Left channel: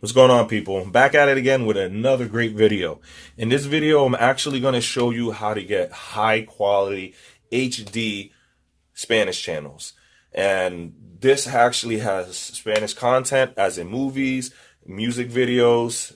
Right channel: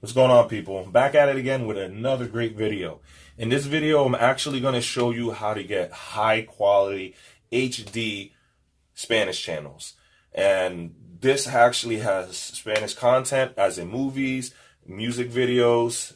What's going on, people? I'm back at it again with another great video. In this video, I'm actually going to show you how to get high quality HD Spanish channels. And this actually has Spanish content, as in movies, music videos,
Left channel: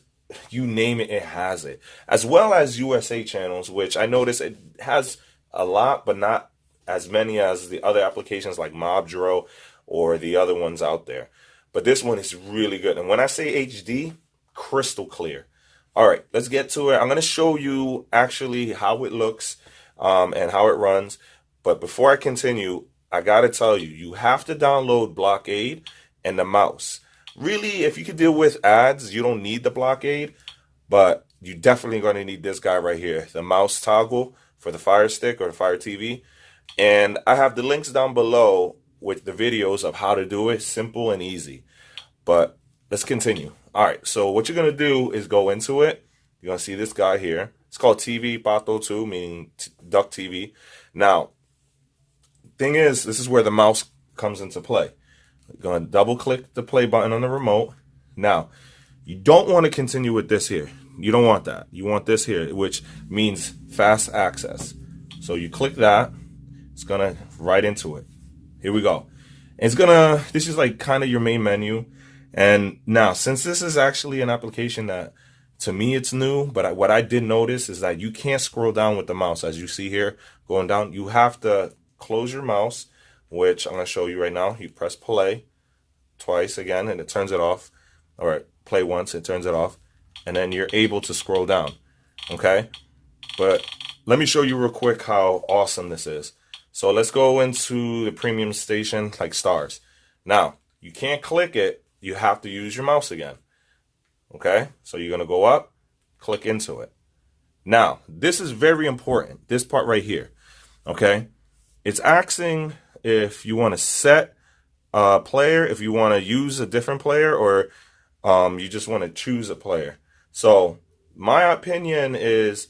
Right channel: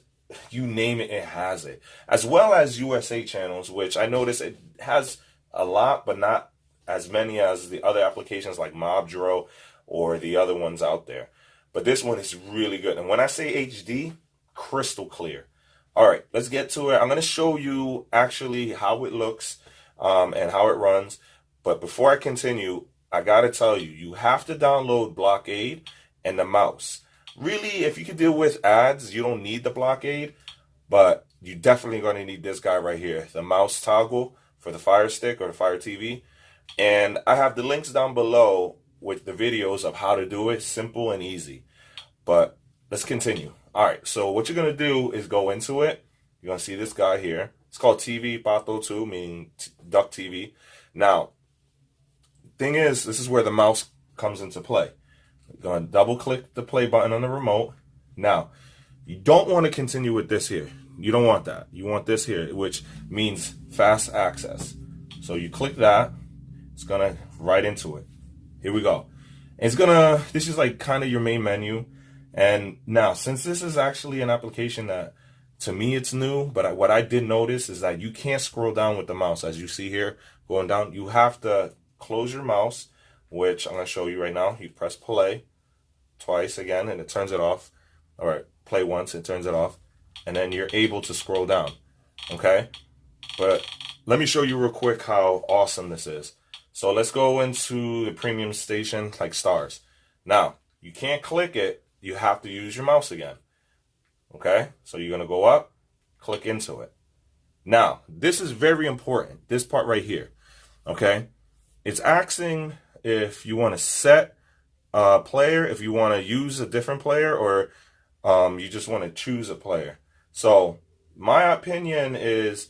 you name it, it has it. As well as USA channels, which I notice it has a lot, but not as many as the other applications like Mobdro or the other ones out there. But this one is really good. And when I say HD, crystal clear. All right, let's get to it. I'm going to show you actually how it looks and how it runs. But before I continue, I got to tell you, you have to download Blokada and the mouse. Really, if you can deal with ads, you don't need the Blokada, but you're definitely going to need this guy right here, the mouse toggle for the Fire Stick or the Fire TV. And I have the links down below with the videos of how to do it, simple and easy. But let's continue. All right, so what you're gonna do is go into it. You're gonna see this guy here. It's called TV Pato 2, meaning duck TV. Now, thing is, this is where the mouse comes into play. You're gonna double click the play button on the remote. Now, you don't want to continue with this here. You don't want that. You want this here, which means fast access. So you click that, it's gonna right into it. Here we go. It's gonna, this is like kind of your main menu. And now, since this is actually an application that, to me, it's new, but what I did notice is that you can't scroll down with the mouse. As you see here, going down, you have to close your mouse, which I'm gonna show you right now. You press play twice again, and it turns it off. All right, play once, it turns it off. And then you're able to scroll down, okay? But let me show you real quick how awesome this is. So let's go into the premium station, like stars. Now, you can't click it. You have to use your mouse again. Okay? So you're going to go up, click into it. Now, this is very important, this part right here. Okay? It's asking if you want to set a player, if you want to use a different player, or you just want to choose a player. So my opinion is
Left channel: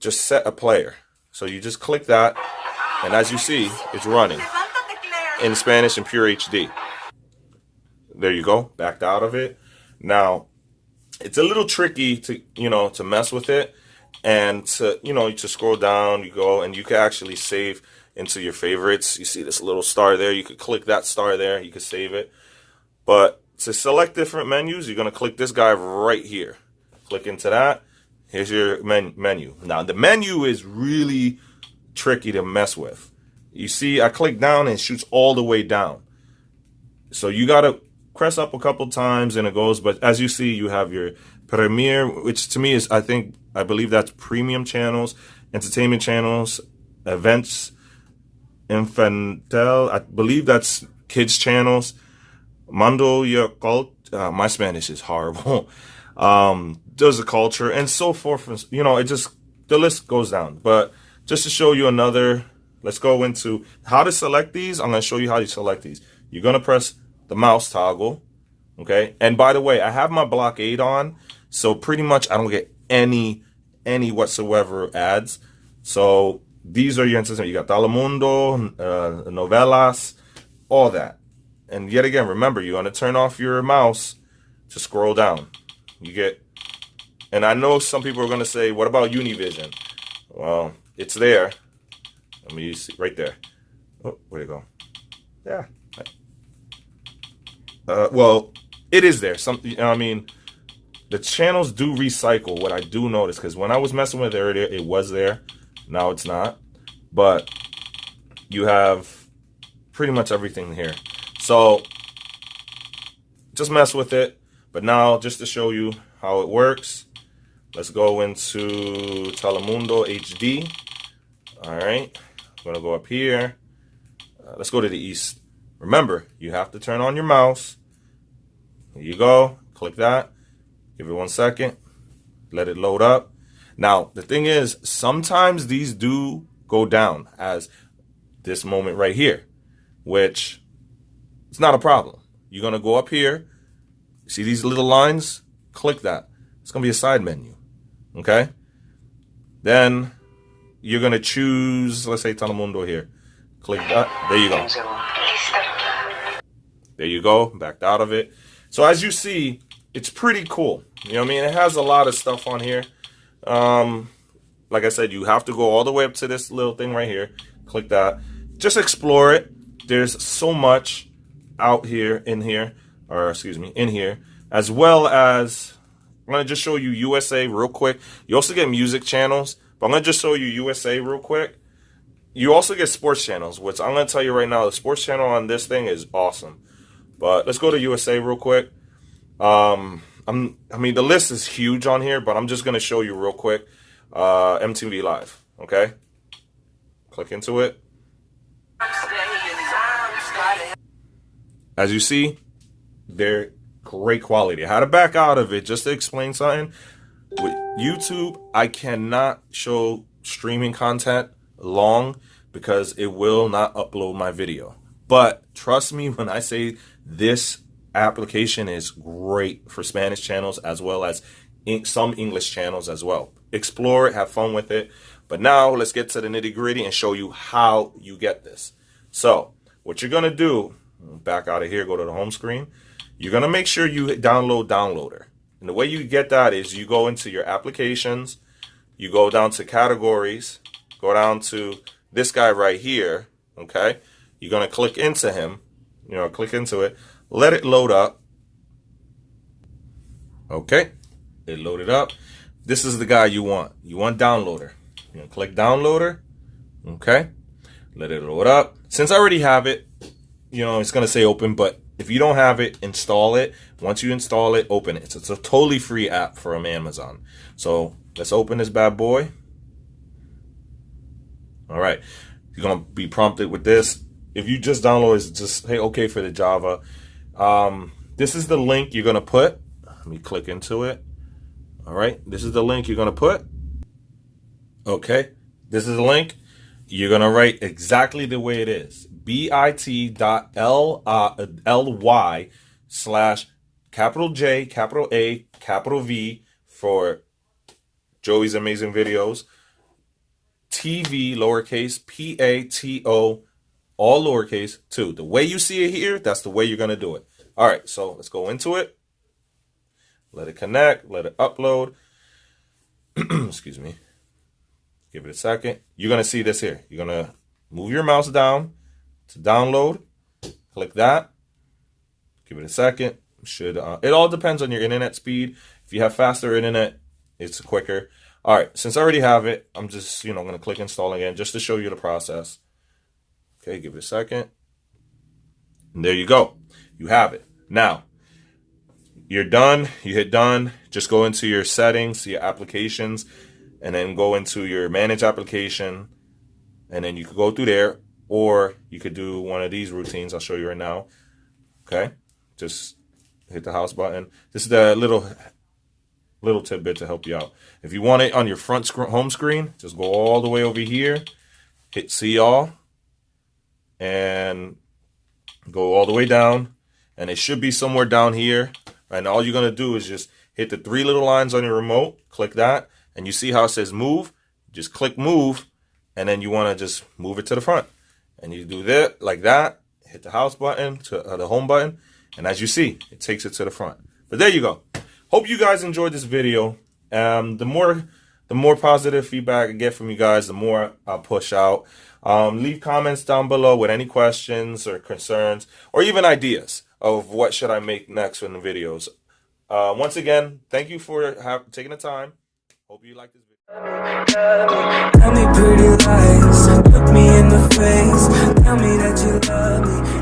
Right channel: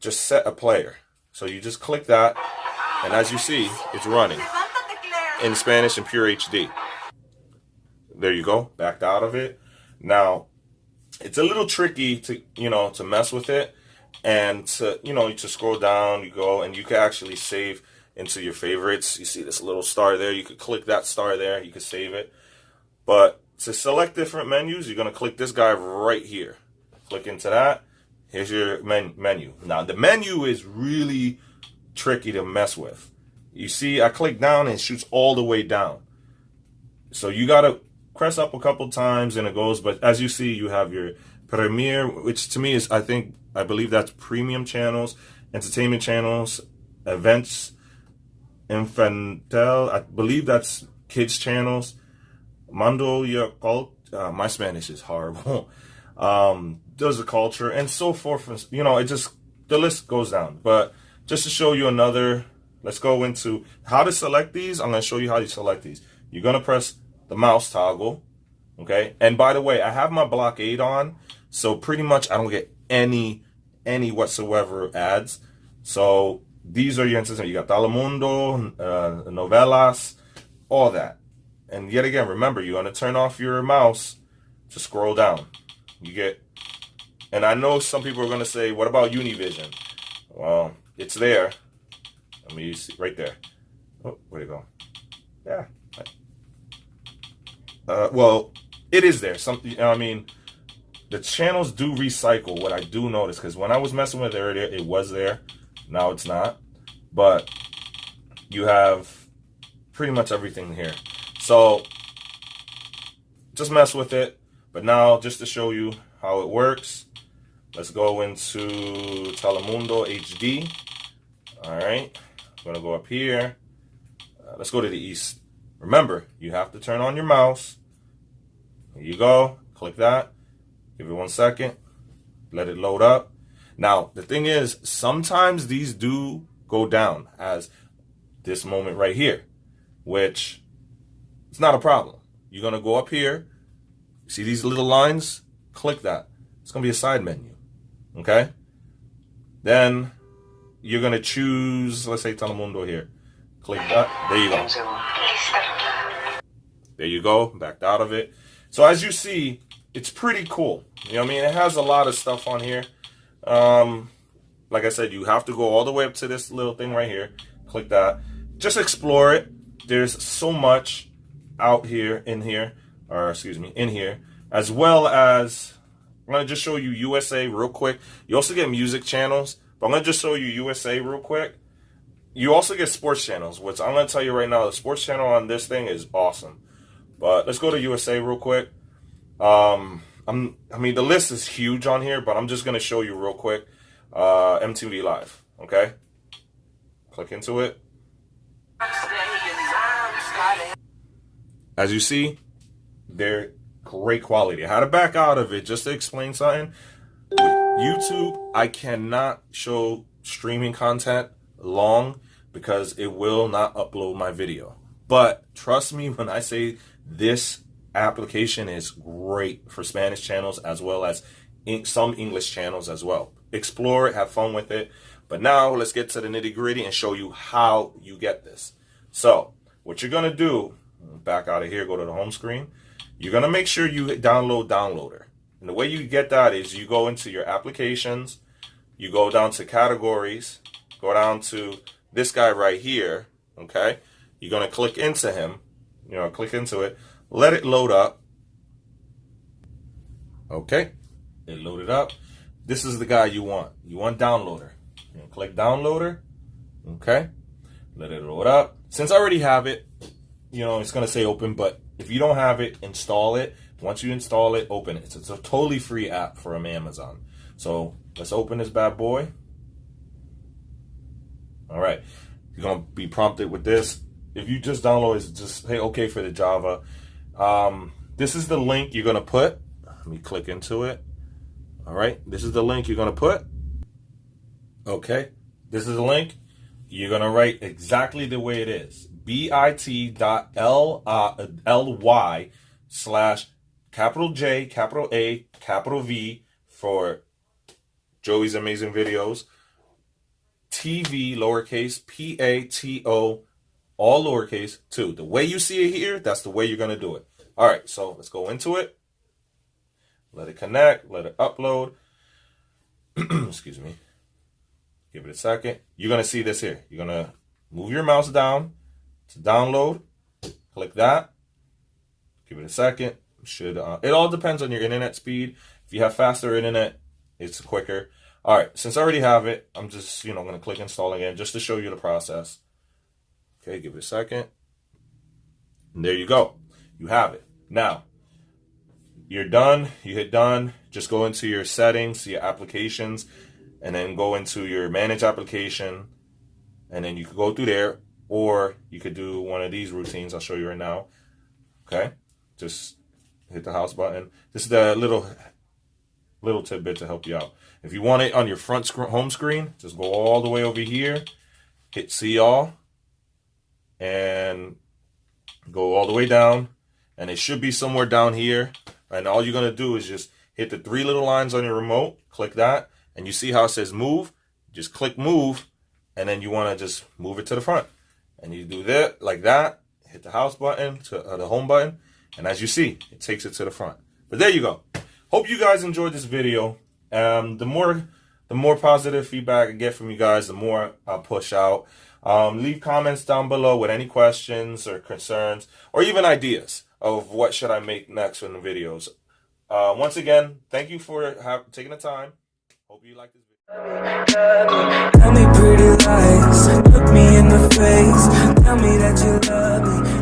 just set a player. So you just click that. And as you see, it's running in Spanish and pure HD. There you go, backed out of it. Now, it's a little tricky to, to mess with it and to, to scroll down, you go, and you can actually save into your favorites. You see this little star there, you could click that star there, you could save it. But to select different menus, you're gonna click this guy right here. Click into that, here's your menu. Now, the menu is really tricky to mess with. You see, I click down and it shoots all the way down. So you gotta press up a couple times and it goes, but as you see, you have your Premiere, which to me is, I believe that's premium channels, entertainment channels, events, infantil, I believe that's kids channels, Mando y Cult, my Spanish is horrible, does a culture, and so forth, it just, the list goes down. But just to show you another, let's go into how to select these. I'm going to show you how to select these. You're going to press the mouse toggle, okay? And by the way, I have my Blokada on, so pretty much I don't get any whatsoever ads. So these are your entertainment. You got Telemundo, novelas, all that. And yet again, remember, you're going to turn off your mouse to scroll down. You get, and I know some people are going to say, what about Univision? Well, it's there. Let me see right there. Oh, where'd it go? Yeah. Well, it is there. I mean, the channels do recycle. What I do notice, because when I was messing with it earlier, it was there. Now it's not. But you have pretty much everything here. So just mess with it. But now, just to show you how it works, let's go into Telemundo HD. All right, I'm gonna go up here. Let's go to the east. Remember, you have to turn on your mouse. Here you go, click that. Give it 1 second, let it load up. Now, the thing is, sometimes these do go down, as this moment right here, which it's not a problem. You're gonna go up here, see these little lines? Click that. It's gonna be a side menu, okay? Then you're going to choose, let's say Telemundo here. Click that. There you go. There you go. Backed out of it. So as you see, it's pretty cool. You know what I mean? It has a lot of stuff on here. Like I said, you have to go all the way up to this little thing right here. Click that. Just explore it. There's so much out here, in here, as well as I'm going to just show you USA real quick. You also get music channels, but I'm going to just show you USA real quick. You also get sports channels, which I'm going to tell you right now, the sports channel on this thing is awesome. But let's go to USA real quick. I mean, the list is huge on here, but I'm just going to show you real quick. MTV Live, okay? Click into it. As you see, they're great quality. I had to back out of it just to explain something. With YouTube, I cannot show streaming content long because it will not upload my video. But trust me when I say this application is great for Spanish channels as well as some English channels as well. Explore it, have fun with it. But now let's get to the nitty-gritty and show you how you get this. So what you're going to do, back out of here, go to the home screen. You're going to make sure you download Downloader. And the way you get that is you go into your applications, you go down to categories, go down to this guy right here, okay? You're going to click into him, click into it, let it load up. Okay, it loaded up. This is the guy you want. You want Downloader. You're going to click Downloader, okay? Let it load up. Since I already have it, it's going to say open, but if you don't have it, install it. Once you install it, open it. It's a totally free app from Amazon. So let's open this bad boy. All right. You're going to be prompted with this. If you just download it, just hit OK for the Java. This is the link you're going to put. Let me click into it. All right. This is the link you're going to put. Okay. This is the link. You're going to write exactly the way it is. bit.ly/J, capital A, capital V for Joey's Amazing Videos, TV, lowercase, PATO, all lowercase, 2. The way you see it here, that's the way you're going to do it. All right, so let's go into it. Let it connect, let it upload. Excuse me. Give it a second. You're going to see this here. You're going to move your mouse down to download. Click that. Give it a second. It all depends on your internet speed. If you have faster internet, it's quicker. All right, since I already have it, I'm just, going to click install again just to show you the process. Okay, give it a second. And there you go. You have it. Now, you're done. You hit done. Just go into your settings, your applications, and then go into your manage application. And then you could go through there, or you could do one of these routines. I'll show you right now. Okay, just hit the house button. This is the little tidbit to help you out. If you want it on your home screen, just go all the way over here, hit see all, and go all the way down. And it should be somewhere down here. And all you're going to do is just hit the 3 little lines on your remote, click that, and you see how it says move. Just click move, and then you want to just move it to the front. And you do that, like that, hit the house button, the home button, and as you see, it takes it to the front. But there you go. Hope you guys enjoyed this video. The more positive feedback I get from you guys, the more I'll push out. Leave comments down below with any questions or concerns, or even ideas of what should I make next in the videos. Once again, thank you for taking the time. Hope you like this video. Tell me pretty lies, look me in the face, tell me that you love me.